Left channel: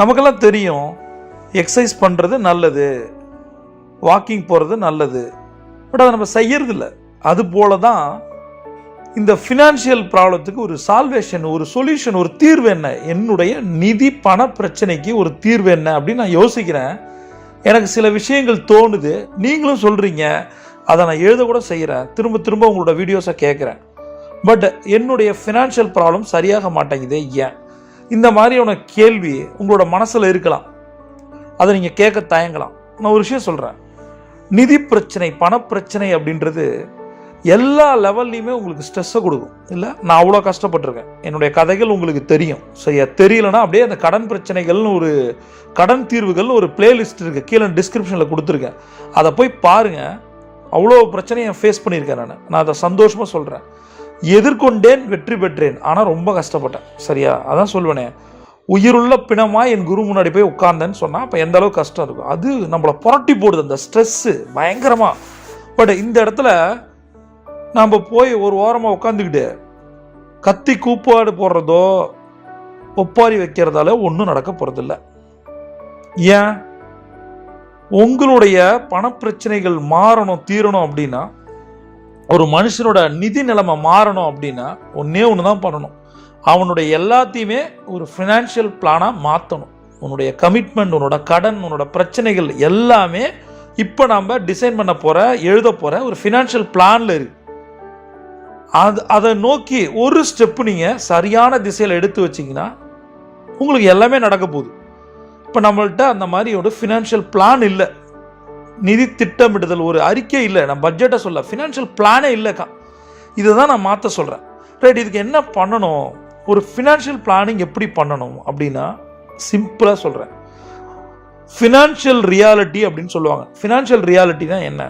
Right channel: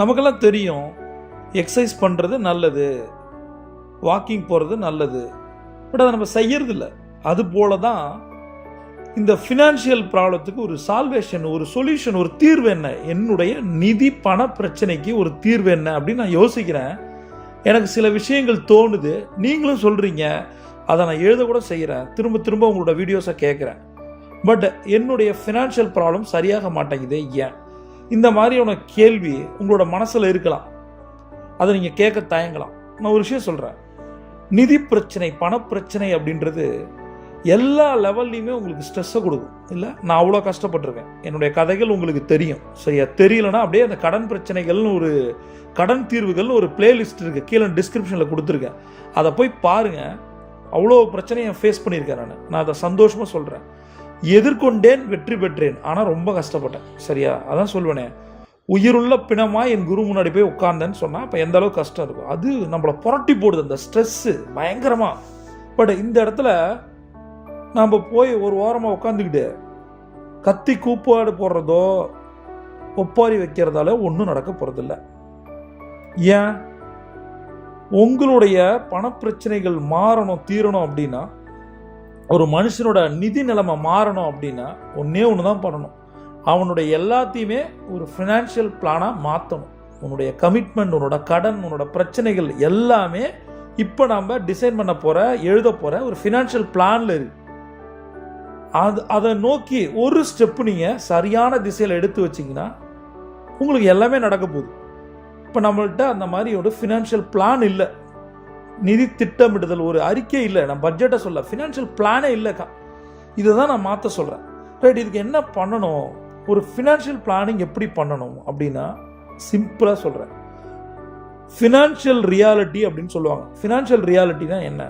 நமக்கெல்லாம் தெரியும் எக்ஸசைஸ் பண்ணுறது நல்லது, வாக்கிங் போகிறது நல்லது, பட் அதை நம்ம செய்யறதில்ல. அது போல தான் இந்த ஃபினான்ஷியல் ப்ராப்ளத்துக்கு ஒரு சால்வேஷன், ஒரு சொல்யூஷன், ஒரு தீர்வு என்ன, என்னுடைய நிதி பண பிரச்சனைக்கு ஒரு தீர்வு என்ன அப்படின்னு நான் யோசிக்கிறேன். எனக்கு சில விஷயங்கள் தோணுது, நீங்களும் சொல்கிறீங்க, அதை நான் எழுத கூட செய்கிறேன், திரும்ப திரும்ப உங்களோட வீடியோஸை கேட்குறேன். பட் என்னுடைய ஃபினான்ஷியல் ப்ராப்ளம் சரியாக மாட்டேங்குது, ஏன்? இந்த மாதிரியான கேள்வி உங்களோட மனசில் இருக்கலாம், அதை நீங்கள் கேட்க தயங்கலாம். நான் ஒரு விஷயம் சொல்கிறேன், நிதி பிரச்சனை, பணப்பிரச்சனை அப்படின்றது எல்லா லெவல்லையுமே உங்களுக்கு ஸ்ட்ரெஸ்ஸை கொடுக்கும். இல்லை, நான் அவ்வளோ கஷ்டப்பட்டிருக்கேன், என்னுடைய கதைகள் உங்களுக்கு தெரியும். சரியா? தெரியலனா அப்படியே அந்த கடன் பிரச்சனைகள்னு ஒரு கடன் தீர்வுகள்னு ஒரு பிளேலிஸ்ட் இருக்குது, கீழே டிஸ்கிரிப்ஷனில் கொடுத்துருக்கேன், அதை போய் பாருங்கள். அவ்வளோ பிரச்சனையை ஃபேஸ் பண்ணியிருக்கேன். நான் அதை சந்தோஷமாக சொல்கிறேன். எதிர்கொண்டேன், வெற்றி பெற்றேன், ஆனால் ரொம்ப கஷ்டப்பட்டேன். சரியா? அதான் சொல்லுவேனே, உயிருள்ள பிணமாக என் குரு முன்னாடி போய் உட்கார்ந்தேன்னு சொன்னால் அப்போ எந்த அளவுக்கு கஷ்டம் இருக்கும். அது நம்மளை புரட்டி போடுது, அந்த ஸ்ட்ரெஸ்ஸு பயங்கரமாக. பட் இந்த இடத்துல நம்ம போய் ஒரு ஓரமாக உட்காந்துக்கிட்டு கத்தி கூப்பாடு போடுறதோ ஒப்பாரி வைக்கிறதால ஒன்றும் நடக்க போகிறதில்ல. ஏன்? உங்களுடைய பணப்பிரச்சனைகள் மாறணும், தீரணும் அப்படின்னா, ஒரு மனுஷனோட நிதி நிலைமை மாறணும் அப்படின்னா ஒன்றே ஒன்று தான் பண்ணணும். அவனுடைய எல்லாத்தையுமே ஒரு ஃபினான்ஷியல் பிளானாக மாற்றணும். உன்னுடைய கமிட்மெண்ட், உன்னோட கடன், உன்னோட பிரச்சனைகள் எல்லாமே இப்போ நம்ம டிசைன் பண்ண போகிற, எழுத போகிற ஒரு ஃபினான்ஷியல் பிளானில் இருக்கு. அதை நோக்கி ஒரு ஸ்டெப்பு நீங்கள் சரியான திசையில் எடுத்து வச்சிங்கன்னா உங்களுக்கு எல்லாமே நடக்க போகுது. இப்போ நம்மள்கிட்ட அந்த மாதிரி ஒரு ஃபினான்ஷியல் பிளான் இல்லை, நிதி திட்டமிடுதல், ஒரு அறிக்கை இல்லை, நான் பட்ஜெட்டை சொல்ல, ஃபினான்ஷியல் பிளானே இல்லைக்கா. இதை தான் நான் மாற்ற சொல்கிறேன். ரைட், இதுக்கு என்ன பண்ணணும், ஒரு ஃபினான்ஷியல் பிளானிங் எப்படி பண்ணணும் அப்படின்னா சிம்பிளாக சொல்கிறேன். ஃபினான்ஷியல் ரியாலிட்டி அப்படின்னு சொல்லுவாங்க. ஃபினான்ஷியல் ரியாலிட்டி தான் என்ன?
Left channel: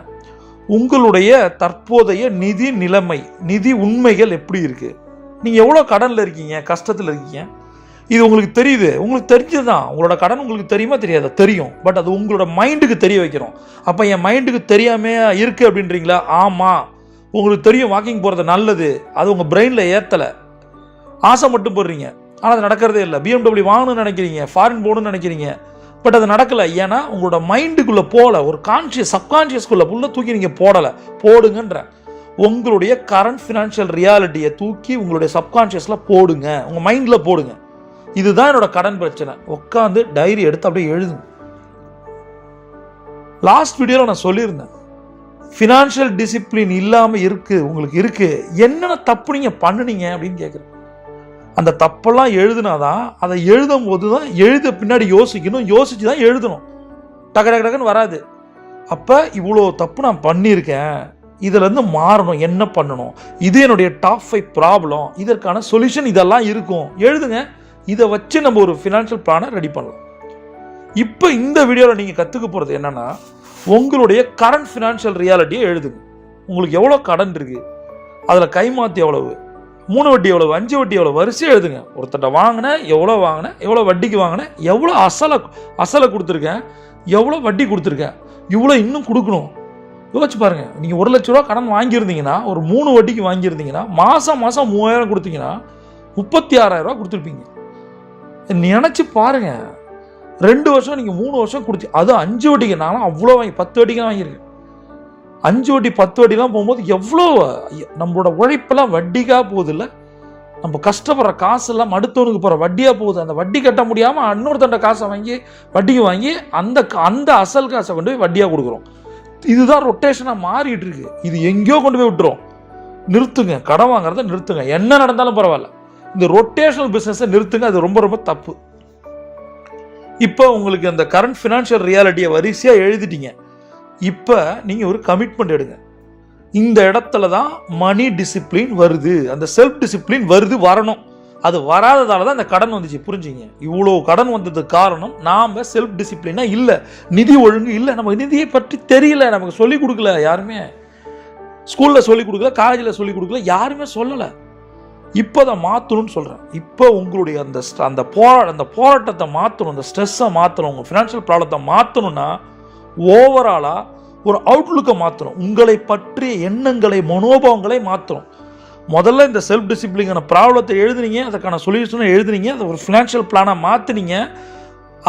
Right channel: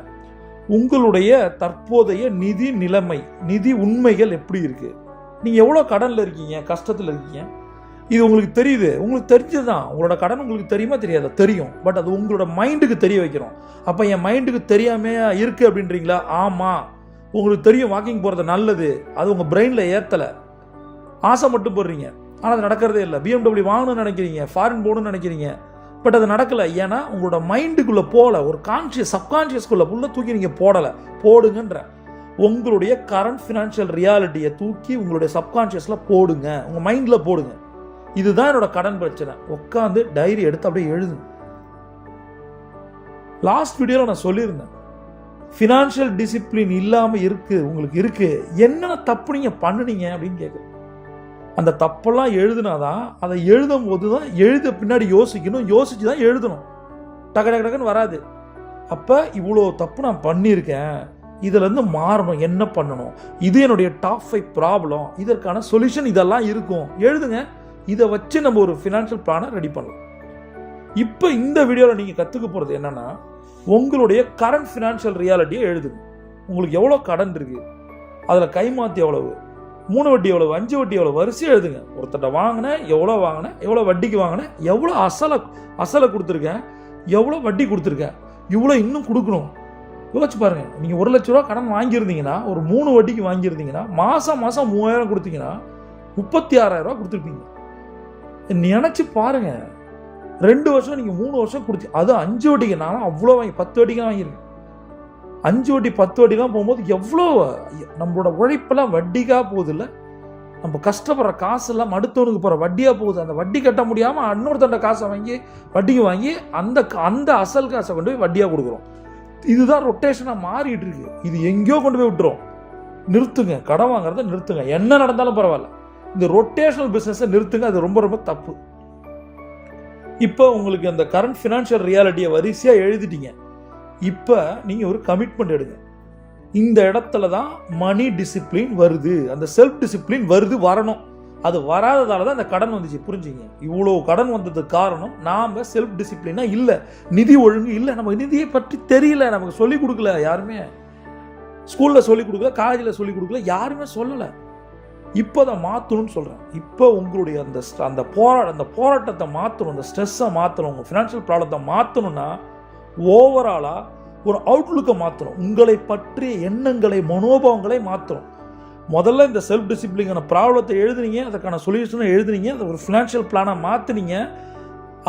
உங்களுடைய தற்போதைய நிதி நிலைமை, நிதி உண்மைகள் எப்படி இருக்குது, நீங்கள் எவ்வளோ கடனில் இருக்கீங்க, கஷ்டத்தில் இருக்கீங்க, இது உங்களுக்கு தெரியுது. உங்களுக்கு தெரிஞ்சது தான், உங்களோட கடன் உங்களுக்கு தெரியுமா தெரியாதா? தெரியும். பட் அது உங்களோட மைண்டுக்கு தெரிய வைக்கிறோம். அப்போ என் மைண்டுக்கு தெரியாமல் இருக்குது அப்படின்றீங்களா? ஆமாம், உங்களுக்கு தெரியும் வாக்கிங் போகிறது நல்லது, அது உங்கள் பிரெயினில் ஏற்றலை, ஆசை மட்டும் போடுறீங்க, ஆனால் அது நடக்கிறதே இல்லை. BMW வாங்கணும்னு நினைக்கிறீங்க, ஃபாரின் போகணும்னு நினைக்கிறீங்க, பட் அது நடக்கலை. ஏன்னா உங்களோட மைண்டுக்குள்ளே போகல, ஒரு கான்ஷியஸ் சப்கான்ஷியஸ்குள்ளே ஃபுல்லாக தூக்கி நீங்கள் போடலை. போடுங்கன்ற உங்களுடைய கரண்ட் ஃபினான்ஷியல் ரியாலிட்டியை தூக்கி உங்களுடைய சப்கான்ஷியஸில் போடுங்க, உங்கள் மைண்டில் போடுங்க. இதுதான் என்னோட கடன் பிரச்சனை. உட்காந்து டைரி எடுத்து அப்படியே எழுதுங்க. லாஸ்ட் வீடியோவில் நான் சொல்லியிருந்தேன், ஃபினான்ஷியல் டிசிப்ளின் இல்லாமல் உங்களுக்கு இருக்குது, என்னென்ன தப்பு நீங்கள் பண்ணுனீங்க அப்படின்னு கேட்குறேன். அந்த தப்பெல்லாம் எழுதுனாதான், அதை எழுதும் போது தான், எழுத பின்னாடி யோசிக்கணும், யோசிச்சு தான் எழுதணும். டக்கு டக்கு டக்குன்னு வராது. அப்போ இவ்வளோ தப்பு நான் பண்ணியிருக்கேன், இதுலேருந்து மாறணும், என்ன பண்ணணும், இது என்னுடைய டாப் 5 ப்ராப்ளம், இதற்கான சொல்யூஷன் இதெல்லாம் இருக்கும், எழுதுங்க. இதை வச்சு நம்ம ஒரு ஃபினான்ஷியல் பிளானை ரெடி பண்ணலாம். இப்போ இந்த வீடியோவில் நீங்கள் கற்றுக்க போகிறது என்னென்னா, உங்களுடைய கரண்ட் ஃபினான்ஷியல் ரியாலிட்டியை எழுதுங்க. உங்களுக்கு எவ்வளோ கடன் இருக்குது, அதில் கைமாற்றி எவ்வளவு, 3 வட்டி எவ்வளவு, 5 வட்டி எவ்வளோ, வரிசையாக எழுதுங்க. ஒருத்தட்ட வாங்கினேன், எவ்வளோ வட்டிக்கு வாங்கினேன், எவ்வளோ அசலை கொடுத்துருக்கேன், எவ்வளோ வட்டி கொடுத்துருக்கேன், இவ்வளோ இன்னும் கொடுக்கணும். யோசிச்சு பாருங்கள், நீங்கள் 1 லட்ச ரூபா கடன் வாங்கியிருந்தீங்கன்னா, ஒரு 3 வட்டிக்கு வாங்கியிருந்தீங்கன்னா, மாதம் 3000 கொடுத்தீங்கன்னா 36,000 ரூபா கொடுத்துருப்பீங்க. நினச்சி பாருங்கள், 2 வருஷம் நீங்கள் 3 வருஷம் கொடுத்து, அது 5 வட்டிக்கு, நானும் அவ்வளோ 10 வட்டிக்கு தான் வாங்கியிருக்கேன். 5 வட்டி 10 வட்டிலாம் போகும்போது எவ்வளோ நம்மளோட உழைப்பெல்லாம் வட்டிக்காக போகுது. இல்லை, நம்ம கஷ்டப்படுற காசெல்லாம் அடுத்தவனுக்கு போகிற வட்டியாக போகுது. அந்த வட்டி கட்ட முடியாமல் இன்னொருத்தண்ட காசை வாங்கி வட்டிக்கு வாங்கி அந்த அசல் காசை கொண்டு போய் வட்டியாக கொடுக்குறோம். இதுதான் ரொட்டேஷனாக மாறிட்டு இருக்கு. இது எங்கேயோ கொண்டு போய் விட்டுரும். நிறுத்துங்க, கடன் வாங்குறத நிறுத்துங்க. என்ன நடந்தாலும் பரவாயில்ல, இந்த ரொட்டேஷனல் பிஸ்னஸை நிறுத்துங்க. அது ரொம்ப ரொம்ப தப்பு. இப்போ உங்களுக்கு அந்த கரண்ட் ஃபினான்ஷியல் ரியாலிட்டியை வரிசையாக எழுதிட்டீங்க. இப்போ நீங்கள் ஒரு கமிட்மெண்ட் எடுங்க. இந்த இடத்துல தான் மணி டிசிப்ளின் வருது, அந்த செல்ஃப் டிசிப்ளின் வரணும். அது வராததால தான் அந்த கடன் வந்துச்சு. புரிஞ்சுங்க, இவ்வளோ கடன் வந்ததுக்கு காரணம் நாம் செல்ஃப் டிசிப்ளினாக இல்லை, நிதி ஒழுங்கு இல்லை, நமக்கு நிதியை பற்றி தெரியல, நமக்கு சொல்லிக் கொடுக்கல யாருமே. ஸ்கூலில் சொல்லிக் கொடுக்கல, காலேஜில் சொல்லிக் கொடுக்கல, யாருமே சொல்லலை. இப்போ அதை மாற்றணும்னு சொல்கிறேன். இப்போ உங்களுடைய அந்த போராட்டத்தை மாற்றணும், அந்த ஸ்ட்ரெஸ்ஸை மாற்றணும், உங்கள் ஃபினான்ஷியல் ப்ராப்ளத்தை மாற்றணும்னா ஓவராலாக ஒரு அவுட்லுக்கை மாற்றணும். உங்களை பற்றிய எண்ணங்களை, மனோபாவங்களை மாற்றணும். முதல்ல இந்த செல்ஃப் டிசிப்ளினான ப்ராப்ளத்தை எழுதுனீங்க, அதுக்கான சொல்யூஷனை எழுதுனீங்க, அதை ஒரு ஃபினான்ஷியல் பிளானாக மாற்றினீங்க.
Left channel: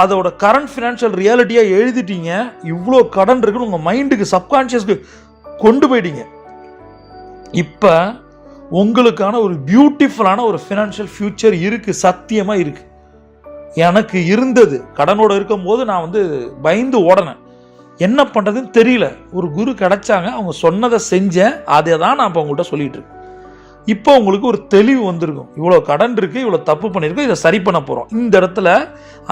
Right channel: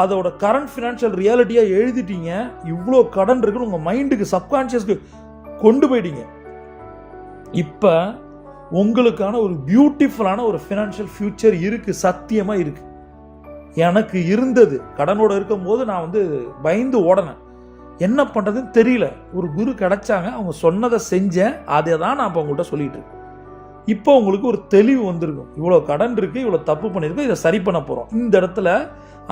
அதோட கரண்ட் ஃபினான்ஷியல் ரியாலிட்டியாக எழுதிட்டீங்க. இவ்வளோ கடன் இருக்குன்னு உங்கள் மைண்டுக்கு சப்கான்ஷியஸ்க்கு கொண்டு போயிட்டீங்க. இப்போ உங்களுக்கான ஒரு பியூட்டிஃபுல்லான ஒரு ஃபினான்ஷியல் ஃபியூச்சர் இருக்குது, சத்தியமாக இருக்குது. எனக்கு இருந்தது. கடனோட இருக்கும்போது நான் பயந்து ஓடனேன், என்ன பண்ணுறதுன்னு தெரியல. ஒரு குரு கிடைச்சாங்க, அவங்க சொன்னதை செஞ்சேன். அதை தான் நான் இப்போ உங்கள்கிட்ட சொல்லிட்டு இருக்கேன். இப்போ உங்களுக்கு ஒரு தெளிவு வந்திருக்கும். இவ்வளோ கடன் இருக்குது, இவ்வளோ தப்பு பண்ணியிருக்கோம், இதை சரி பண்ண போகிறோம். இந்த இடத்துல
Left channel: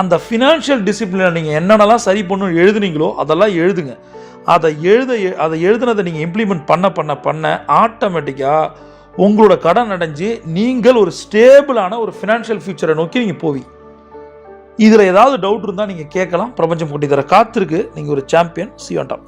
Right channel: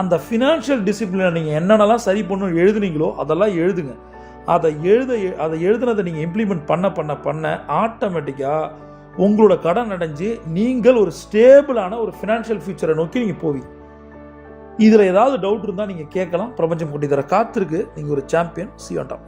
அந்த ஃபினான்ஷியல் டிசிப்ளினை நீங்கள் என்னென்னலாம் சரி பண்ணணும் எழுதுனீங்களோ அதெல்லாம் எழுதுங்க. அதை எழுதுனதை நீங்கள் இம்ப்ளிமெண்ட் பண்ண ஆட்டோமேட்டிக்காக உங்களோட கடன் அடைஞ்சு நீங்கள் ஒரு ஸ்டேபிளான ஒரு ஃபினான்ஷியல் ஃபியூச்சரை நோக்கி நீங்கள் போவீங்க. இதில் ஏதாவது டவுட் இருந்தால் நீங்கள் கேட்கலாம். பிரபஞ்சம் கொட்டி தர காத்திருக்கு. நீங்கள் ஒரு champion. See you on top.